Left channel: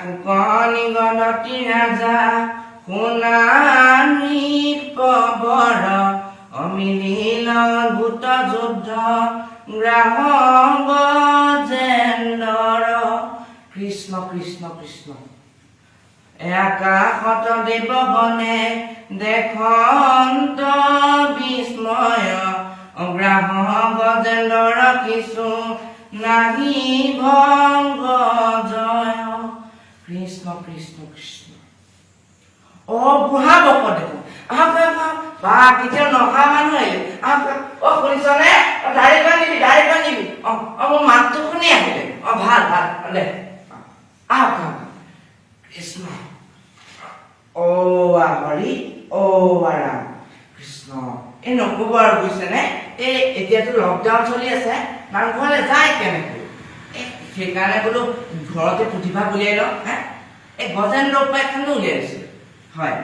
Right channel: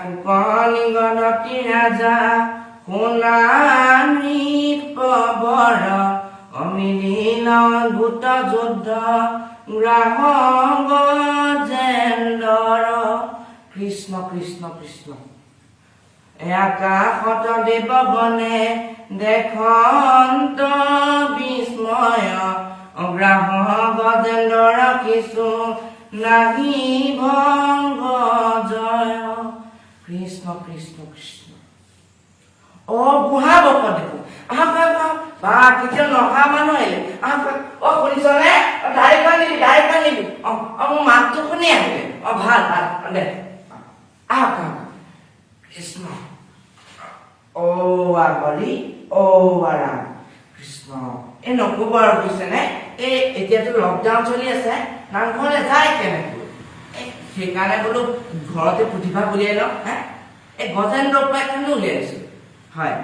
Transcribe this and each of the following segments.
শুকনি গণতি ৰাজা সোণানী পবৰ অমিলিল ভূত যুদ্ধ গ্ৰাহ গজেন্দ্ৰ কৃষ্ণ কৃষ্ণ কৃষ্ণ আকাশত দেৱগণে দেখন্ত বিস্ময় গ্ৰাহ গজেন্দ্ৰ কিছু নাহি ভংগ জয় কৃষ্ণ কৃষ্ণ কৃষ্ণ অ বুঢ়া বক দেখো আহক আহক বা কেতিয়া নহা মানুহ আহিলে আহক অ শুনিছনে দাড়ি বান্ধিবি মোৰ মাতটো শুনি আহিলে ভাল ভাল দে আহক আহক কৃষ্ণ অ হৰি অ ৰাম কৃষ্ণ এই নকব আৰু বুজিছেনে এই এতিয়াতো লকডাউন চলি আছে নামঘৰলৈ যায় কেনেকৈ সেইকাৰণে বোলো ঘৰতে পুথিভাগ উলিয়াই লওঁ এই গজেন্দ্ৰ উপাখ্যানো উলিয়াইছো হয়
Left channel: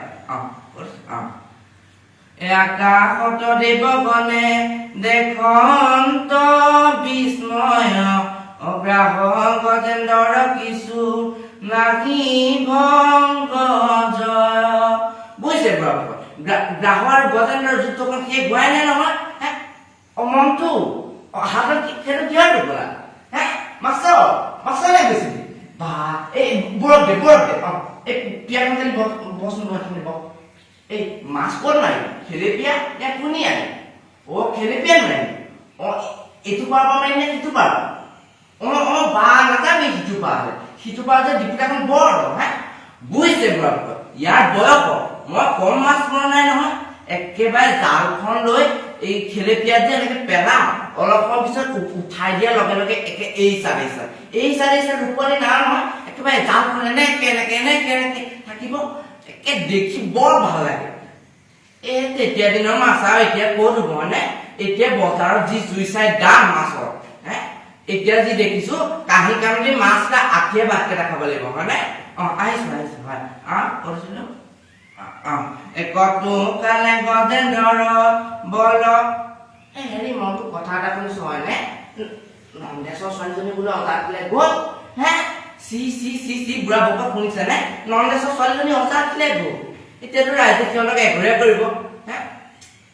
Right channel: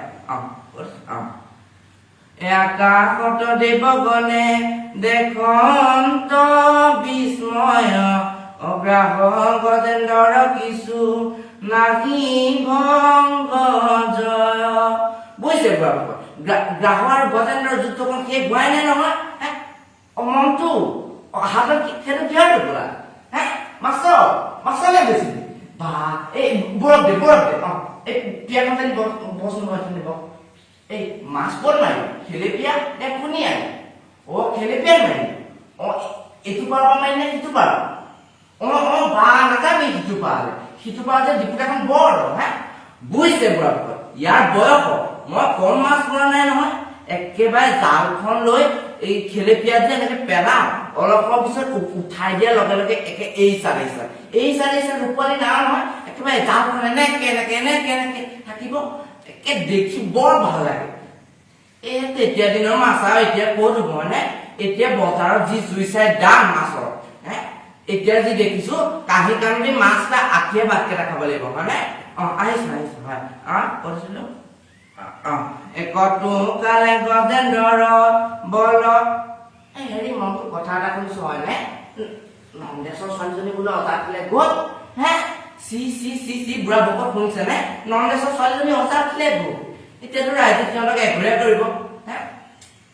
আকাশত দেৱগণে দেখন্ত বিস্ময় অগ্ৰাহ গজেন্দ্ৰ কিছু নাহি ভংগ জয় বুজিছে গ্ৰাহ আৰু গজেন্দ্ৰৰ যুদ্ধখন শেষ হোৱাই নাই নহয় মনটো হাতত সেইটো কিহৰ টোপোলা মাছলে গৈছিলি বা এই বৰফ দে এই পিয়াখন জানি বচোন বহ এই মাছ ক'ত মাৰিব খেলেপীয়া নে কোনি আনি খেলেপীয়া নোৱাৰিম এইটো পাৰ মাৰি নে সিটো পাৰ বা নাযাবি সিটো পাৰ যে ডিপুটাখন বৰ বুজিছে বুঢ়া ইয়াৰ বয়স মই কম মাছ মৰা নাই নহয় একেবাৰে জালখন লৈ এই খেলেপীয়া যে এনেকে পেলাও অলপ পিছত উঠাই দিয়াৰ লগে লগে একে এই চাৰি ৰূপালী নাই নহয় একেবাৰে জালখন এনেকে থাকিব একে দেখি বৰ ভাল লাগে এই তেতিয়া দিনৰ মাছ আৰু এতিয়া ক'ত হ'ব মানে এতিয়া বজাৰত যি জুই চাই দাম মাছৰ এতিয়া যি দেখিছো কাঁহী কাণদি মাছ এটা আঠিয়ে ভাতকেইটা খাব লাগিব হয়নে আহিছো হয় কৈছিলো একতো কালে গজেন্দ্ৰ বল হেৰি মনটো কথা এটা শুনিছো হয়নে নন্দেশ্বৰ ছোৱালীজনী বোলে অজাতিলে গ'ল চি বুঢ়া বকত শুনিছে নে নন্দেশ্বৰ ছোৱালীজনী অজাতিলে গ'ল এতিয়াতো ৰাইজে সিহঁতক এঘৰীয়া কৰিব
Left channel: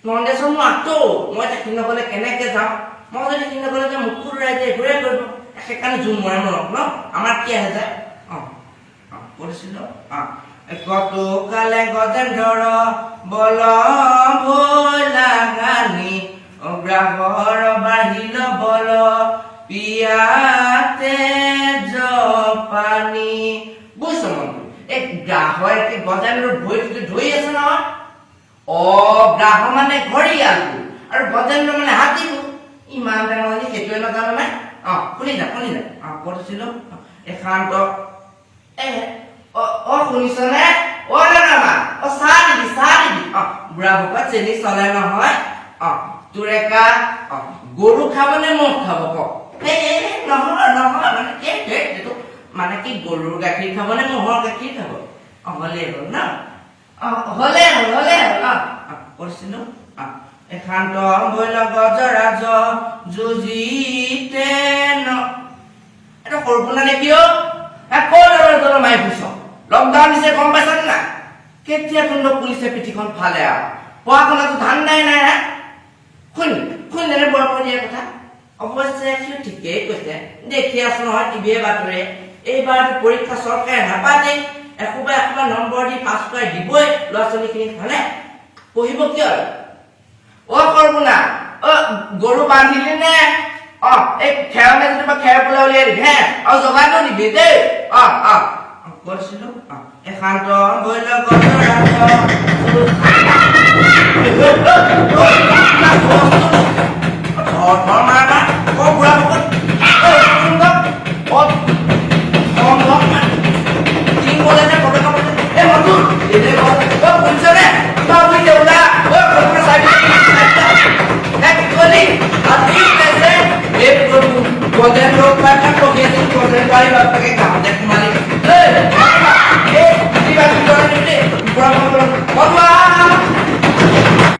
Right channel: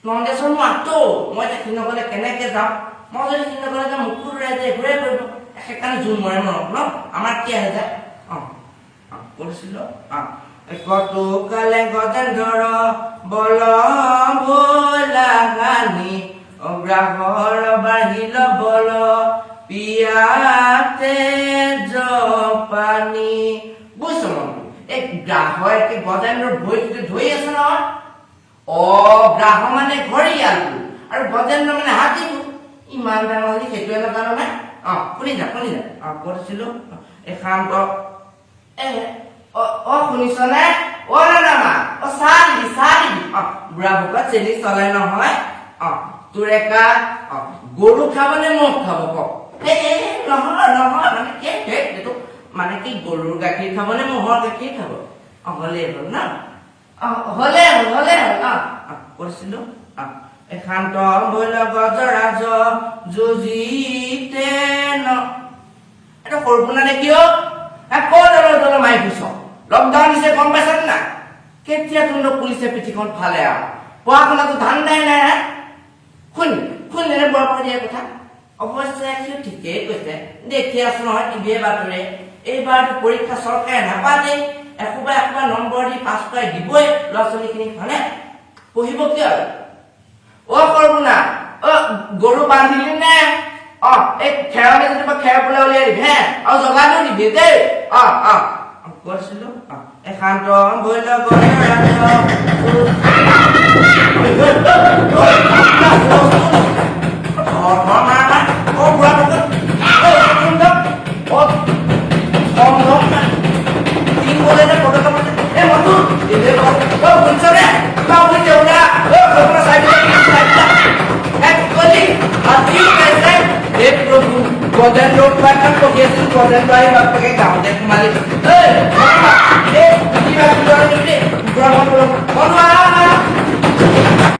নন্দেশ্বৰ মোৰ আঁতো মই এতিয়া সি নগলে কেনেকে যাম মই যদি সি নগলে যে মুকুৰ ৰাইজে এঘৰীয়া কৰিব সেইকাৰণে জোৰ মৰে মৰক ন আমাৰ কি আহে যায় কৰিছিলো কতো কালে গজেন্দ্ৰ বল ভোলা গানি অগ্ৰাহৰ বাঢ়িল বল পিয়াতে জপানী বুজিছ এই গ্ৰাহ একে গজেন্দ্ৰৰ ভৰিটো ধৰি আছে নহয় গ্ৰাহ মানে ঘৰিয়ালটো আৰু গজেন্দ্ৰ মানে হাতীটো ইমান ডাঙৰ হ'লে সেইটোৱে নাজানো নে শুনি যা কৈছিলো এখান্ত শুনিছনে নামা চাহ দিবি বুঢ়া বকা চেনি চলে নহয় তোৰেকা গৰু খাব নে মহ খাব কওক নহয় মানে এইটো মানে কি গৰুৰ গাখীৰ খাব নে মহৰ গাখীৰ খাব হলেই হ'ল ন হলে হ'ল কৈছিলো এখান্ত বৈল গজৰাজ যুজিতে এটা সৰুপোনা নেকি ক'ত মাৰি ফুৰিছ লকডাউন দিছে গম পাইছা নে নাই কেতিয়া তুন্দ পুলিচে পিঠিখন ফালে আৰু পঢ়া শুনাটো ধান্দাই নাই শুনিলে বৰ দিয়া কথা অৱশ্যে সিও ঠিকেই কৈছে দেখি আছো নহয় টিভিয়ে বাতৰি এইবাৰতো পৰীক্ষা চৰকাৰে নাপাতেই একোবা নম্বৰ দি পাছ কৰাই দিবই ল'ৰা ছোৱালীখিনিক হয়নে পঢ়িব কিয় সৰুপোনা গৰু বান্ধিলি নে এই খেৰলে যেনিবা খেৰ পেলাই উলিয়াই দিবি আৰু জগাটো দিবি দেই কৰিছিলো এখান্ত বৈল গজেন্দ্ৰ উপাখ্যান পঢ়ি আছো গজেন্দ্ৰ আহি বাপেকে